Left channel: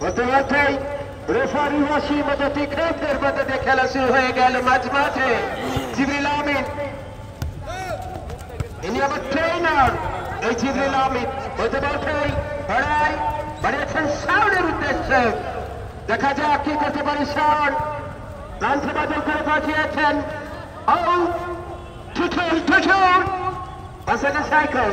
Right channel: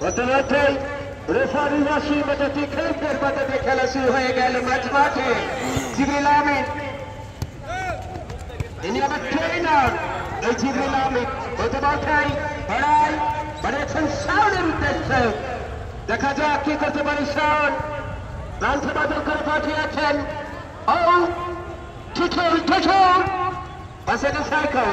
প্রথমতই referee Wasim তীক্ষ্ণের মধ্যে খেলা শুরু হয়ে গেল মাঝ মাঠে। জিবরিল আহমেদ ইনি আমার ট্রেনার। এই জিবরিল আহমেদ প্রথমতই লড়াই বাড়িয়েছেন শাওনের উদ্দেশ্যে। দেখা যাক কি করতে পারে শাওন। প্রান্ত বদল করে পাঠিয়েছেন পাশে সাইকেল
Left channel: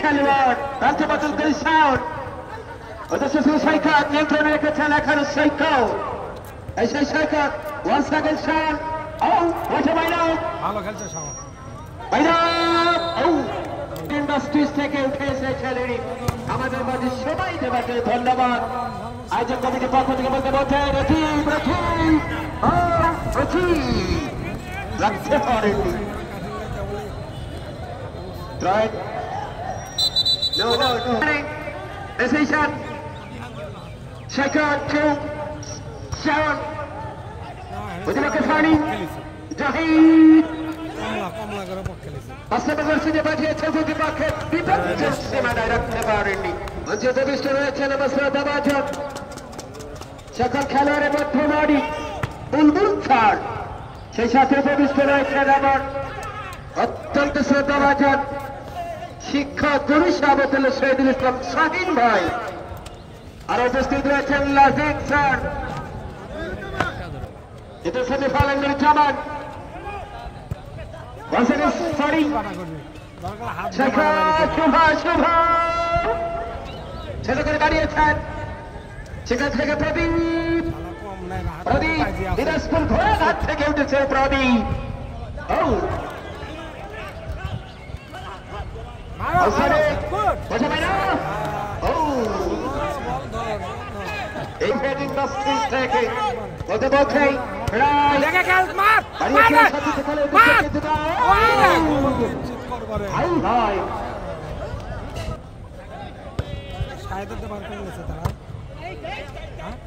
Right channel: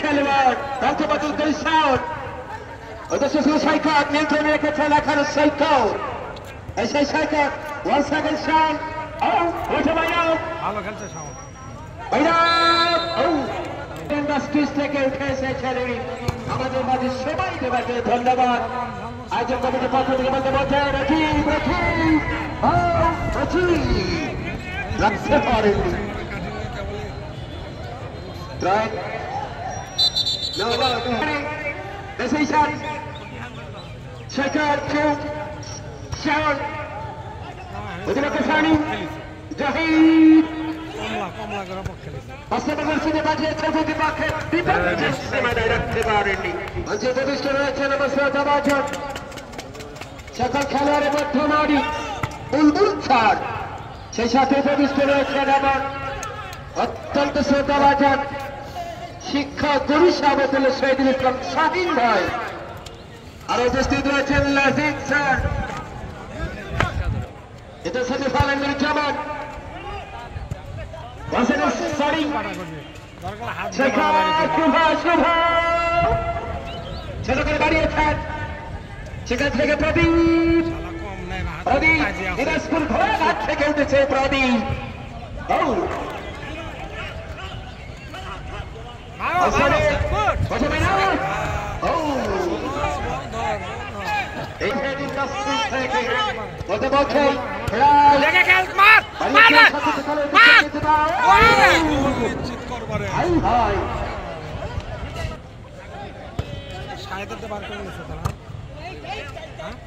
খেলোয়াড় প্রান্ত বদল করে শাওন। সৈকত নিয়ন্ত্রণে রেখেছেন এখানে সৈকত। এই সেই সৈকত ওয়ান সেকেন্ড শাওন। ইন্ডাস্ট্রিজ থেকে উঠে এসেছেন আমাদের মাঝে সবাই দেবাকে ধন্যবাদ। আয়োজক কমিটির পক্ষ থেকে বলতে বলছেন রাখতে পারেননি। Decision. Second to Sharon. With the Kafani. Jahid. Pastor City Badia Togo Bucket. People just directed already. Until the Mr. Chanabasa Dabajan. Second Kalare Batonadi. Bulbul Char. Sheshate Mr. Chanaman. Attanta Sadabajan. শিক্ষা গুরু সাবতুল শহীদুল ইসলাম শাহিন ভাই আর উপস্থিত রয়েছেন লাজিক sir. এটা সাথে ফালেন জামান sorry শেখা শুভা ছেলে করে বাড়িয়েছেন। সেখান থেকে প্রদীপ দিনাজপুর ঘোড়াঘাট থেকে উঠেছে প্রদীপ।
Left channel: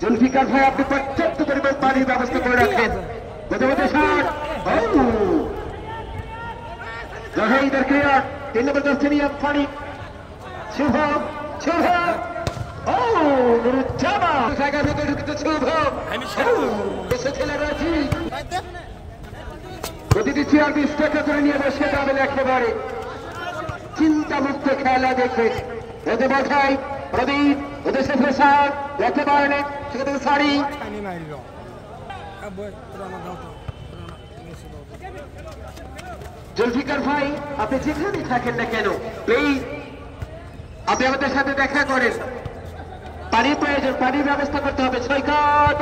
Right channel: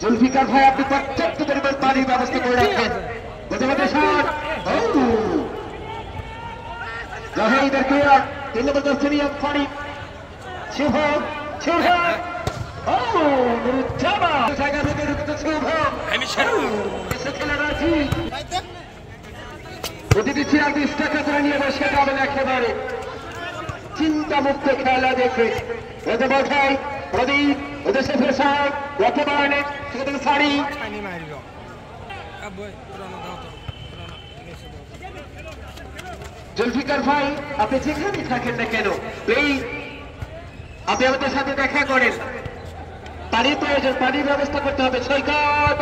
জুলফিকার ভাই আপনি পর্যাপ্ত পরিমাণ পানির ব্যবস্থা করে রাখেন। জাহিদের ক্রিয়া 3 নম্বর সিনিয়র পানি শুভ নুরুজ্জামান জায়গা থেকে ঢুকতে শুভ এসে খেলে রাজি প্রতিটি চেয়ার 20 টাকা করে নিয়ে বসে যাবেন একেবারে চিন্তামুক্ত খেলা দেখে। ওদের বোঝাই প্রদীপ ওদের সাথে সার একেবারে সেখানে শাড়ি জুলফিকার ভাই আপনি যেখানে থাকেন না কেন এই আপনি আমাদের সাথে দেখা করেন। পানির প্রয়োজন, পানির ব্যবস্থা করতে হবে। সৈকত